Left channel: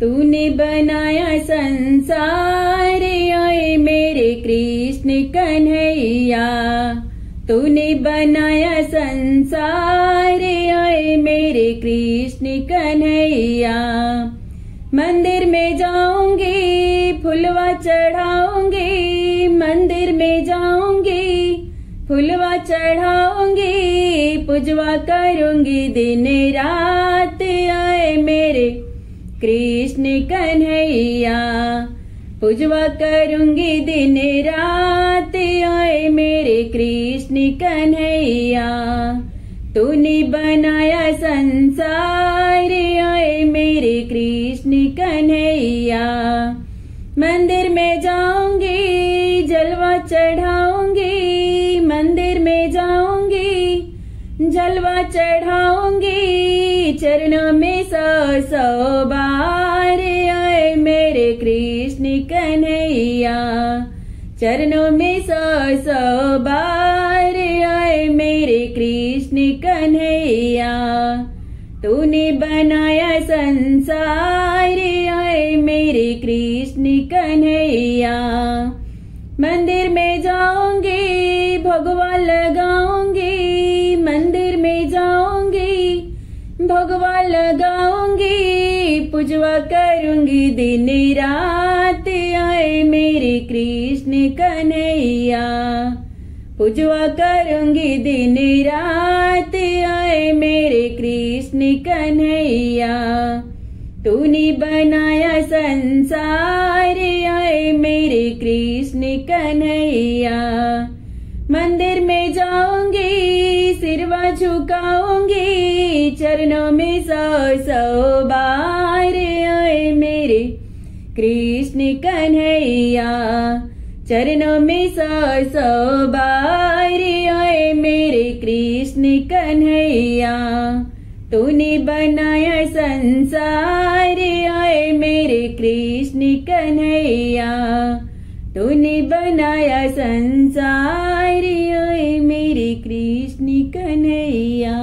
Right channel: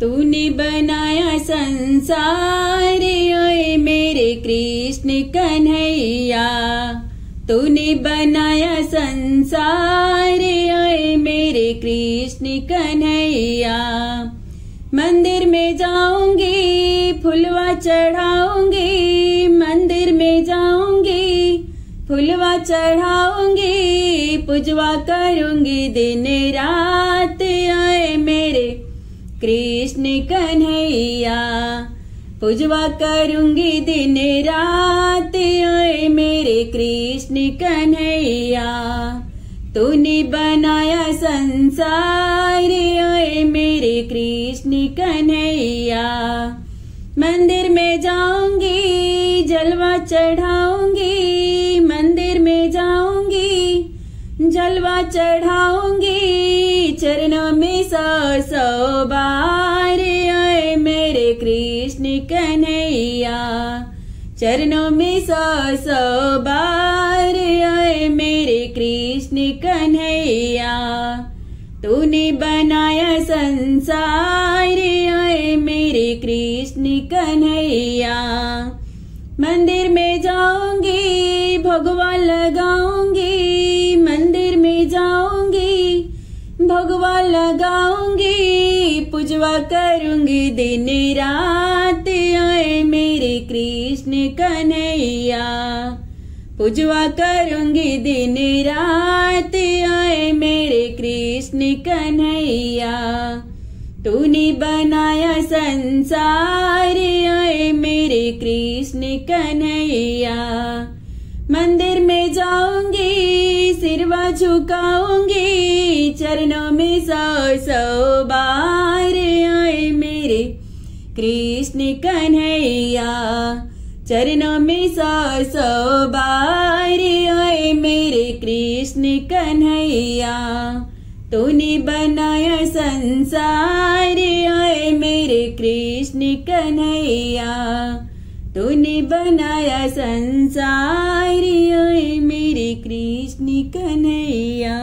तूने बनाया संसार ओए मेरे कृष्ण कन्हैया। तूने बनाया संसार ओए मेरे कृष्ण कन्हैया। मंदिर में जाऊंगी फुलवा चढ़ाऊंगी, मंदिर में जाऊंगी फुलवा चढ़ाऊंगी, पूजवा करूंगी दिन रात ओए मेरे कृष्ण कन्हैया। पूजवा करूंगी दिन रात ओए मेरे कृष्ण कन्हैया। तूने बनाया संसार ओए मेरे कृष्ण कन्हैया। मंदिर में जाऊंगी जलवा चढ़ाऊंगी, मंदिर में जाऊंगी जलवा चढ़ाऊंगी, चरणों में सौ बार ओए मेरे कृष्ण कन्हैया। चरणों में सौ बार ओए मेरे कृष्ण कन्हैया। तूने बनाया संसार ओए मेरे कृष्ण कन्हैया। मंदिर में जाऊंगी भगवा लगाऊंगी, मंदिर में जाऊंगी भगवा लगाऊंगी, पूजवा करूंगी दिन रात ओए मेरे कृष्ण कन्हैया। पूजवा करूंगी दिन रात ओए मेरे कृष्ण कन्हैया। तूने बनाया संसार ओए मेरे कृष्ण कन्हैया। मंदिर में जाऊंगी सिरवा झुकाऊंगी, चरणों में सौ बार ओए मेरे कृष्ण कन्हैया। चरणों में सौ बार ओए मेरे कृष्ण कन्हैया। तूने बनाया संसार ओए मेरे कृष्ण कन्हैया। तूने बनाया संसार ओए मेरे कृष्ण कन्हैया।